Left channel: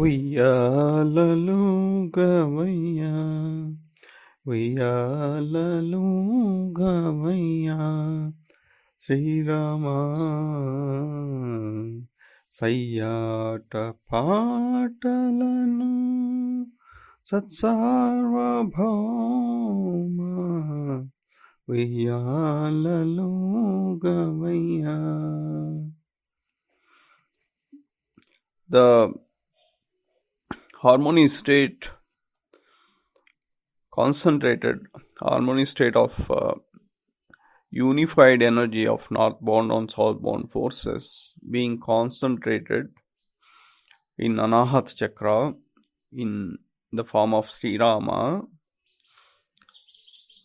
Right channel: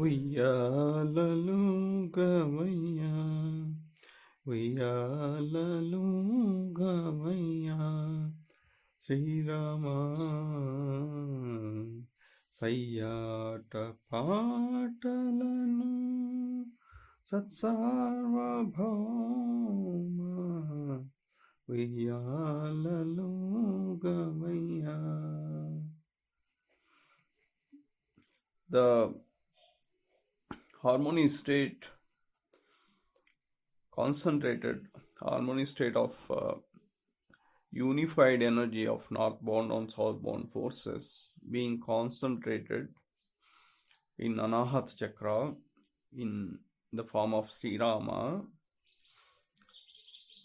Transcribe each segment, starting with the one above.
ఉయ్యాలలుగవయ్యా ఉయ్యాలలుగవయ్యా శ్రీరామా సయ్యాట పాటలను సత్సార్వభౌమ ఉయ్యాలలుగవయ్యా. The harmony state, concentrated harmony state of unified energy of northbound and southbound forces being concentrated in Anahat Chakra in the form of Sri Rama,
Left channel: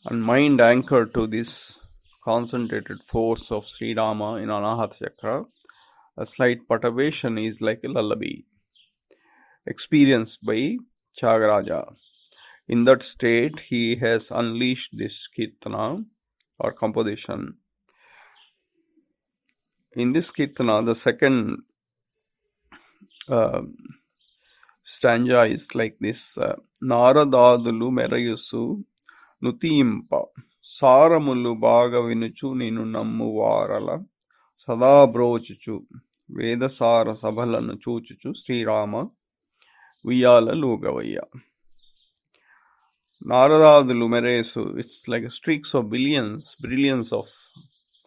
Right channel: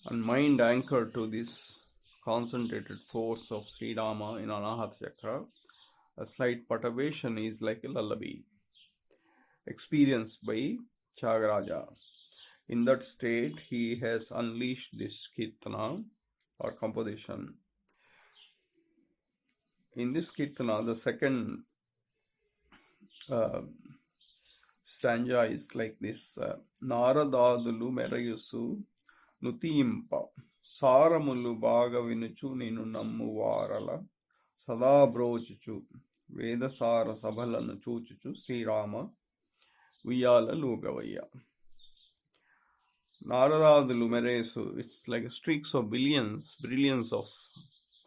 and mind anchored to this concentrated force of Sri Rama in Anahat Chakra. A slight perturbation is like a lullaby experienced by Chagaraja. In that state, he has unleashed this kirtana or composition. In this kirtana, the second stanza is like this: Naradadulu merayusu nutimpa saramulu baga vinuchu ninu nammu varala sada brochuchu vedasara sabhalanu chuchuchu Sri Rama Viyala Lugavaya. Naradadulu meresu, it's like streaks of brilliance of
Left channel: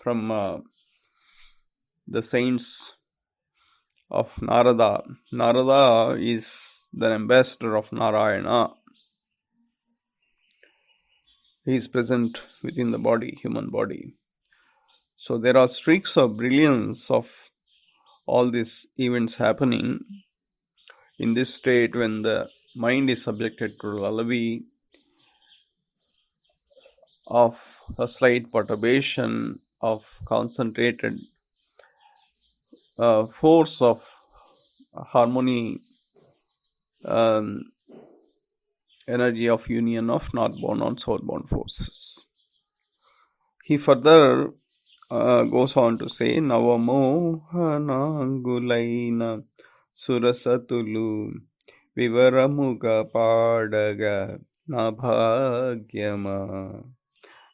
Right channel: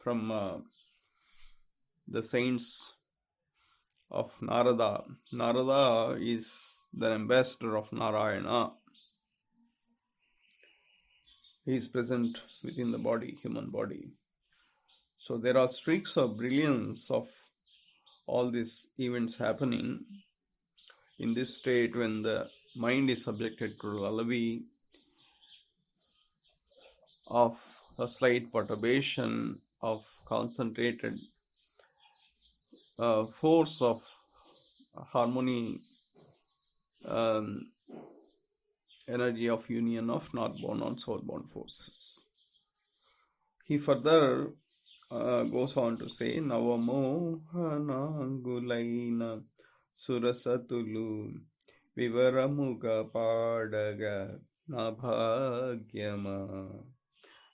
from the saints of Narada. Narada is the ambassador of Narayana. He is present within the body, human body. So there are streaks of brilliance of all these events happening in this state when the mind is subjected to lullaby of a slight perturbation of concentrated force of harmony, energy of union of northbound and southbound forces. He further goes on to say, Navamohanangulaina Surasatulu Vivaramuga Padaga Nabhagyama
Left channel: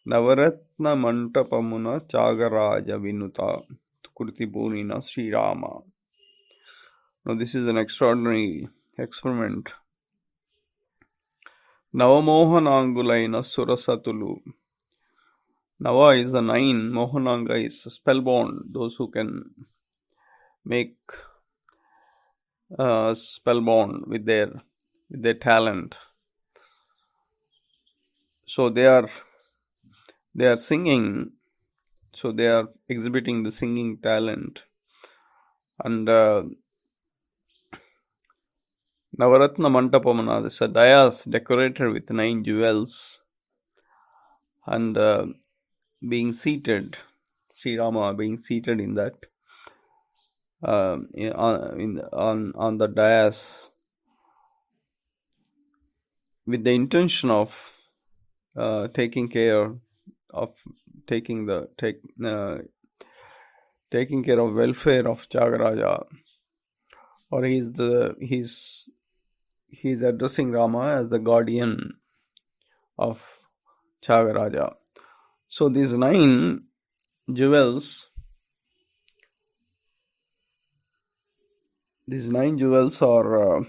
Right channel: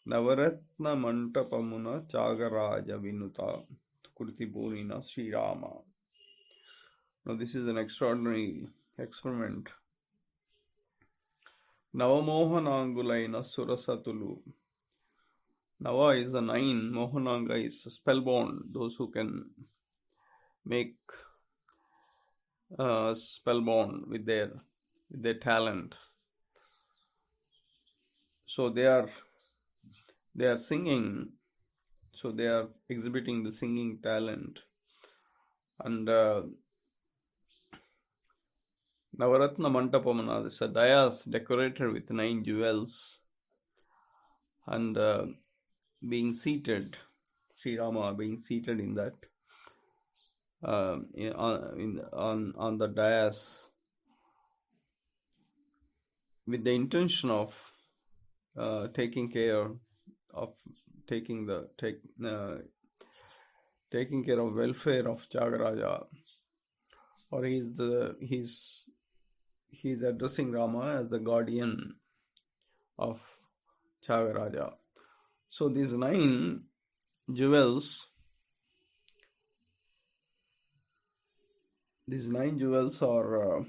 Navaratna Mantapamuna Chagaraja Vinuta Kurtibunina Sri Rama. Now this is an extraordinary experiment. Navamohanangulaina Surasatulu. Nava is the 9, Mohananga is spellbound, those who can make spellbound with their talent. So they are singing, so they are exhibiting the singing talent, and Navaratna Mantapamana, this is a dais decorated with 9 jewels, and being seated, Sri Rama being seated in that on the dais with the intention of taking care of welfare of Chagaraja, or he's addressing Rama as the guardian of Chagaraja. So these 9 jewels are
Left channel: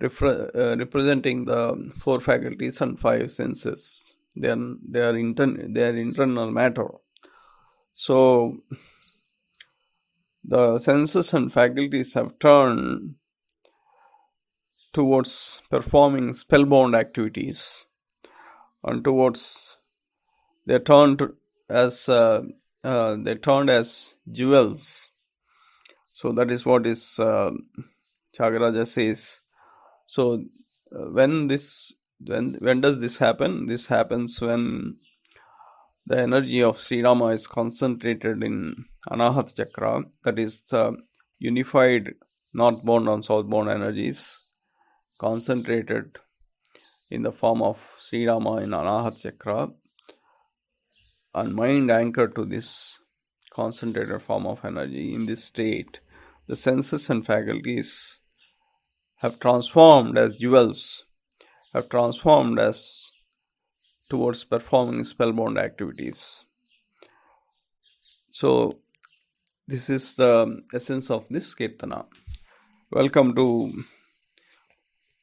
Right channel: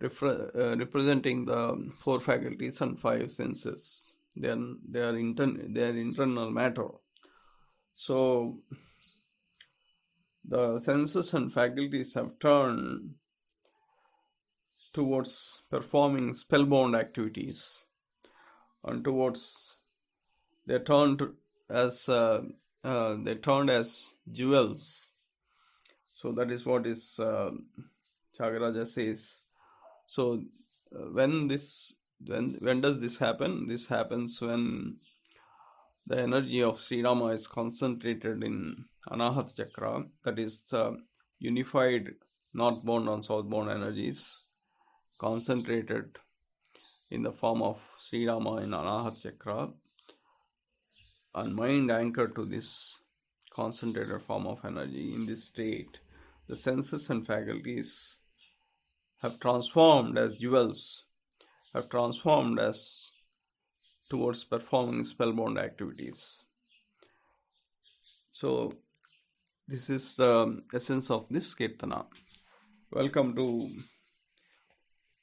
representing the 4 faculties and 5 senses. They are internal matter. So the senses and faculties have turned towards performing spellbound activities, and they turned as jewels. So that is what is Chagaraja says. So when does this happen? This happens when the energy of Sri Rama is concentrated in Anahat Chakra, that is unified northbound and southbound energies concentrated in the form of Sri Rama in Anahat Chakra, and mind anchored to this concentrated form of energy. In this state, the senses and faculties have transformed as jewels, have transformed as towards performing spellbound activities. So this is the essence of this Kirtana. Welcome to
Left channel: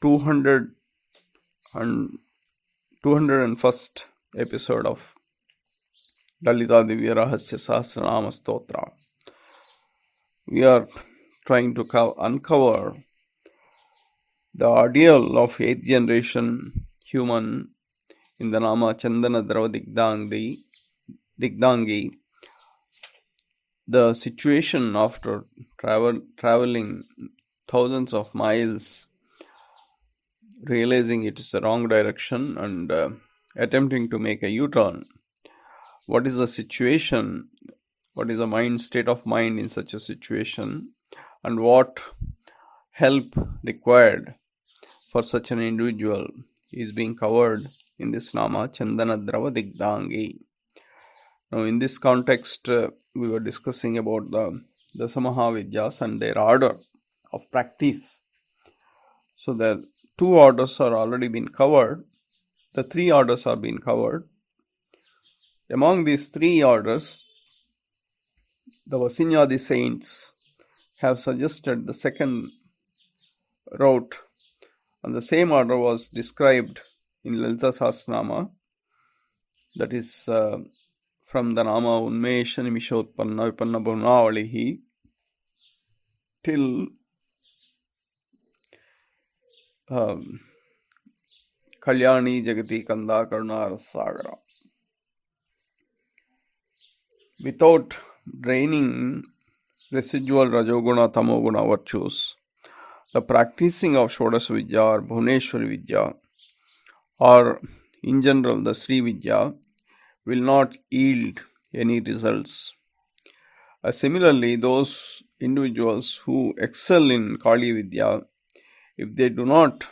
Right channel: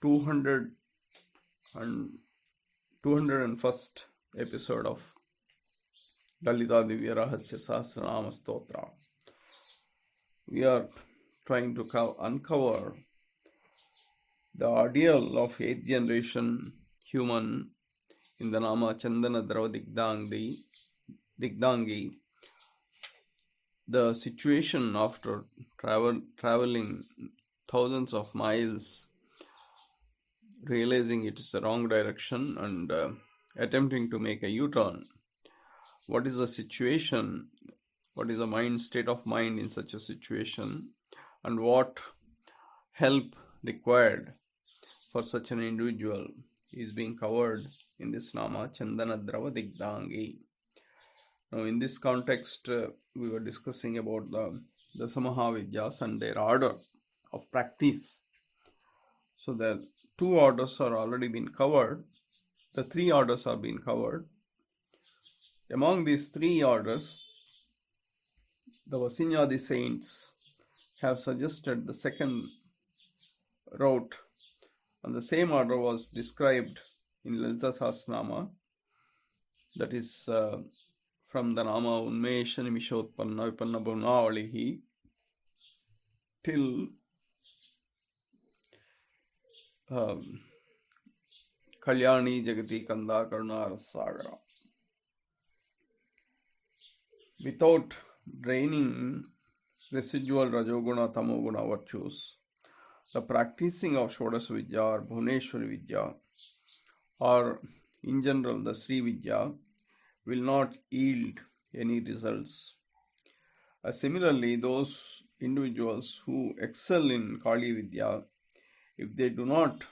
201st episode of Lalitha Sahasranam Stotra. We are trying to uncover the ideal of 8th generation human in the Nama Chandana Drava Digdangi. The situation after traveling thousands of miles, realizing it is the wrong direction and attempting to make a U-turn. What is the situation? What is the state of mind in such a situation? And what help required for such an individual is being covered in this Nama Chandana Drava Digdangi. Now, in this context, we were discussing about the Dasamahavidyas and their order of practice. So, the 2 orders are already been covered. The 3 orders are being covered. Among these 3 orders, the Vasinyadi saints have suggested the second route, and the same order was described in Lalitha Sahasranaam, that is from the Nama Unmesha Nimishotpanna Vipanna Bhunavalihi till Kalyani Jagati Kanda Karuna Rasagara. Without draining residual Rajoguna Tamoguna virtues, the practicing of Shodasa Vidya or Bhuneshwari Vidya, or in general the Sri Vidya, will not yield any results. Similarly, those individuals who excel in Kali Vidya, if they do not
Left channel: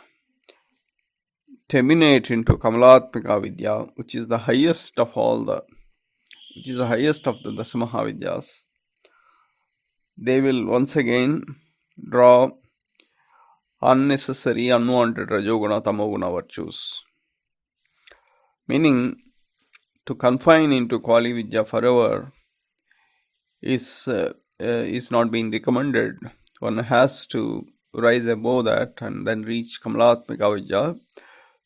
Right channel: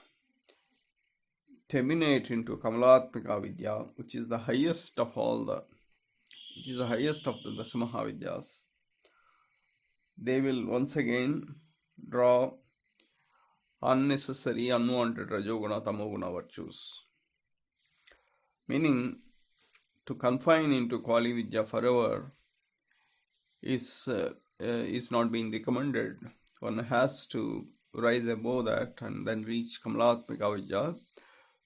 terminate into Kamalatmika Vidya, which is the highest of the Dasamahavidyas, they will once again draw unnecessary, unwanted Rajoguna, Tamoguna virtues. Meaning, to confine into Kali Vidya forever is not being recommended. One has to rise above that and then reach Kamalatmika Vidya.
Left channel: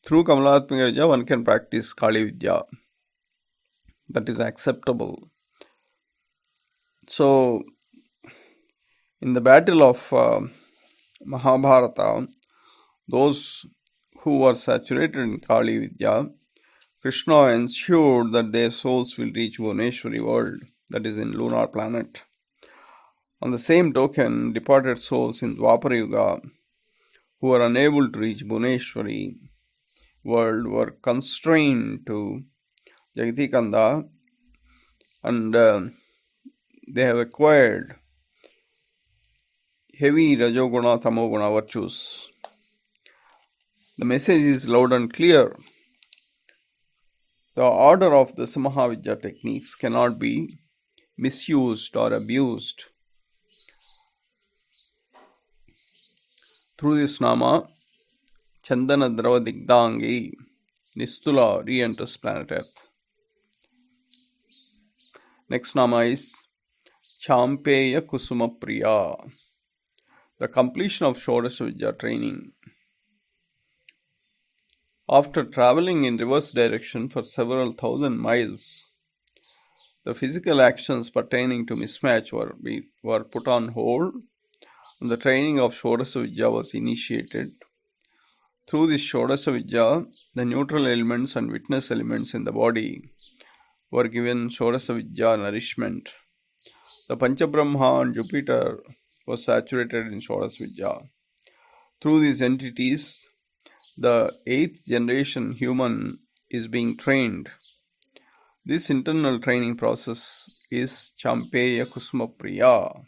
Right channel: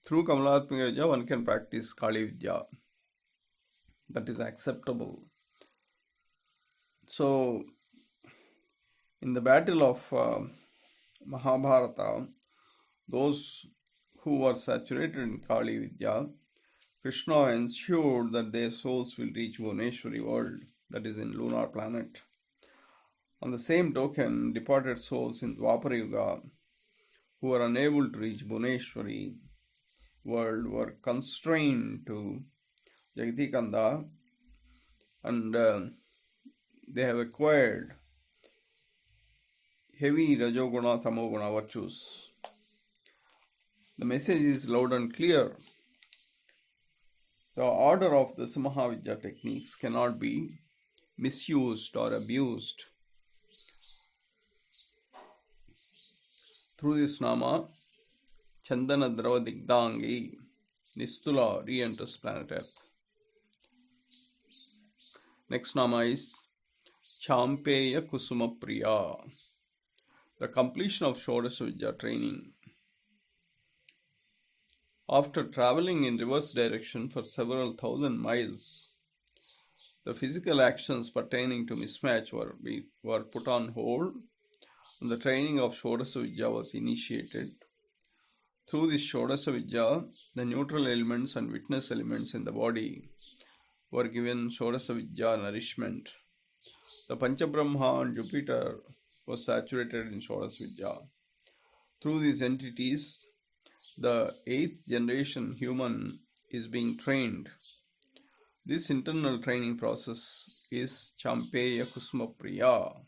Through Kamalatmika Vidya, one can practice Kali Vidya. That is acceptable. So, in the battle of Mahabharata, those who were saturated in Kali Vidya, Krishna ensured that their souls will reach Bhuneshwari world, that is in lunar planet. On the same token, departed souls in Dwapara Yuga who were unable to reach Bhuneshwari world were constrained to Jagati Kanda, and they have acquired heavy Rajoguna, Tamoguna virtues. The message is loud and clear. The order of the Samahavidya techniques cannot be misused or abused. Through this Nama, Chandana Drava Digdangi, Nistula re-enters planet Earth. Next Nama is Champeya Kusuma Priya, the completion of Shodasa Vidya training. After traveling in reverse direction for several thousand miles, the physical actions pertaining to mismatch were put on hold, and the training of Shodasa Vidya was initiated. Through this Shodasa Vidya, the neutral elements and witness elements in the body were given Shodasa Vidya nourishment. The Panchabrahma and Jupiter was saturated in Shodasa Vidya. Through these entities, the 8th generation human is being trained. This internal training process is Champeya Kusuma Priya.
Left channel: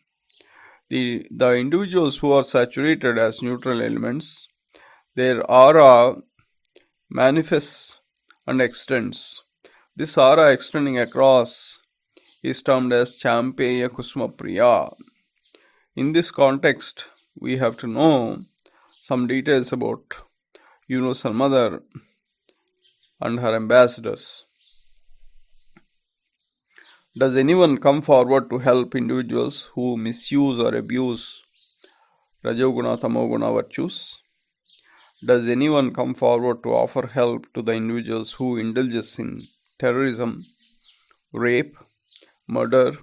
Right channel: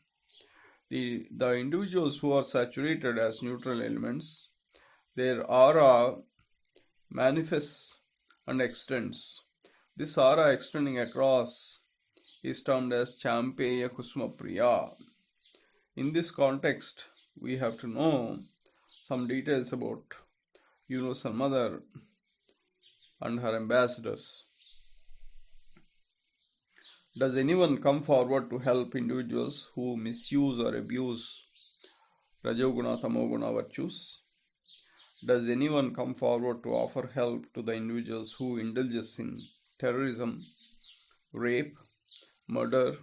The individuals who are saturated as neutral elements, their aura manifests and extends. This aura extending across is termed as Champeya Kusuma Priya. In this context, we have to know some details about Universal Mother and her ambassadors. Does anyone come forward to help individuals who misuse or abuse Rajoguna, Tamoguna virtues? Does anyone come forward to offer help to the individuals who indulges in terrorism, rape, murder,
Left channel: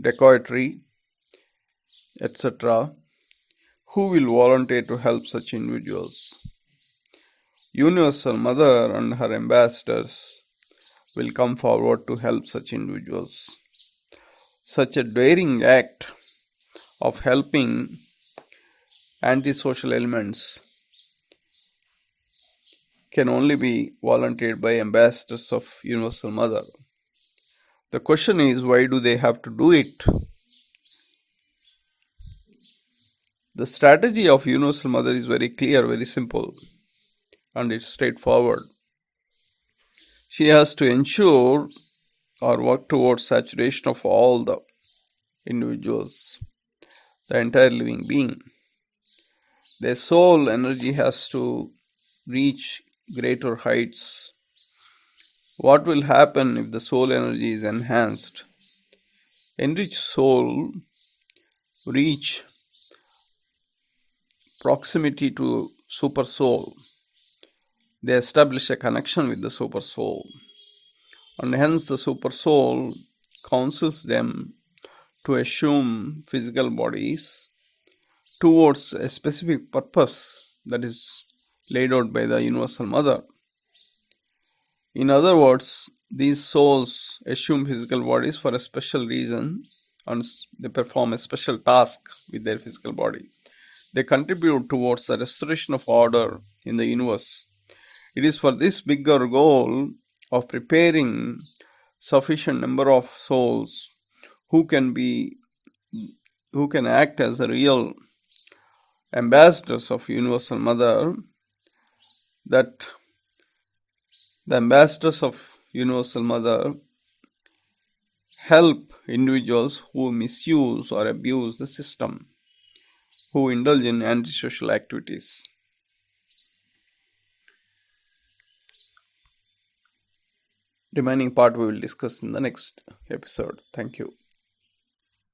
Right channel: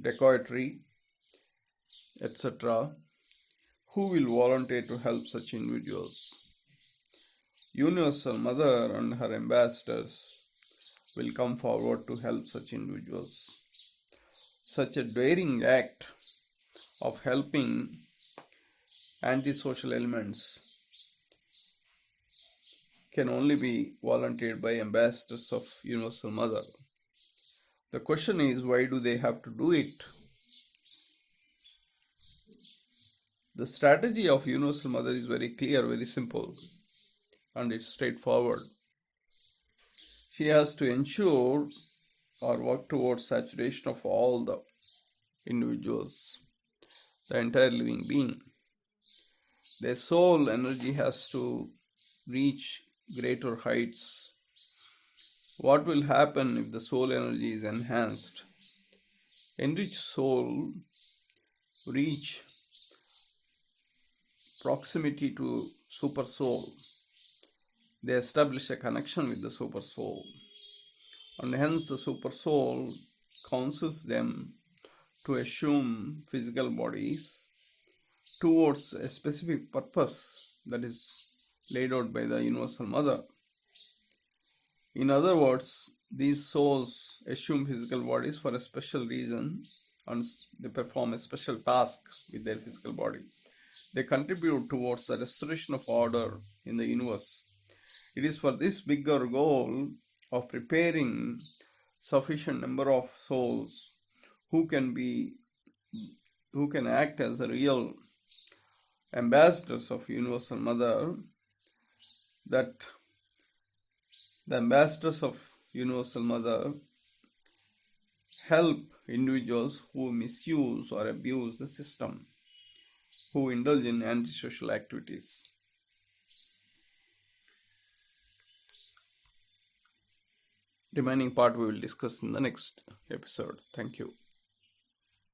dacoitry, etc.? Who will volunteer to help such individuals? Universal Mother and her ambassadors will come forward to help such individuals. Such a daring act of helping antisocial elements can only be volunteered by ambassadors of Universal Mother. The question is, why do they have to do it? The strategy of Universal Mother is very clear, very simple, and it's straightforward. She has to ensure or work towards saturation of all the individuals, the entire living being. Their soul energy has to reach greater heights. What will happen if the soul energy is enhanced? Enriched soul reach proximity to super soul. They establish a connection with the super soul, and hence the super soul counsels them to assume physical bodies towards a specific purpose that is laid out by the Universal Mother. In other words, these souls assume physical bodies for a special reason, and they perform a special task with their physical body. They contribute towards the restoration of order in the universe. It is for this bigger goal of preparing sufficient number of souls who can act as a real ambassadors of Universal Mother, that the ambassadors of Universal Mother help individuals who misuse or abuse the system, who indulge in antisocial activities. Remaining part we will discuss in the next episode. Thank you.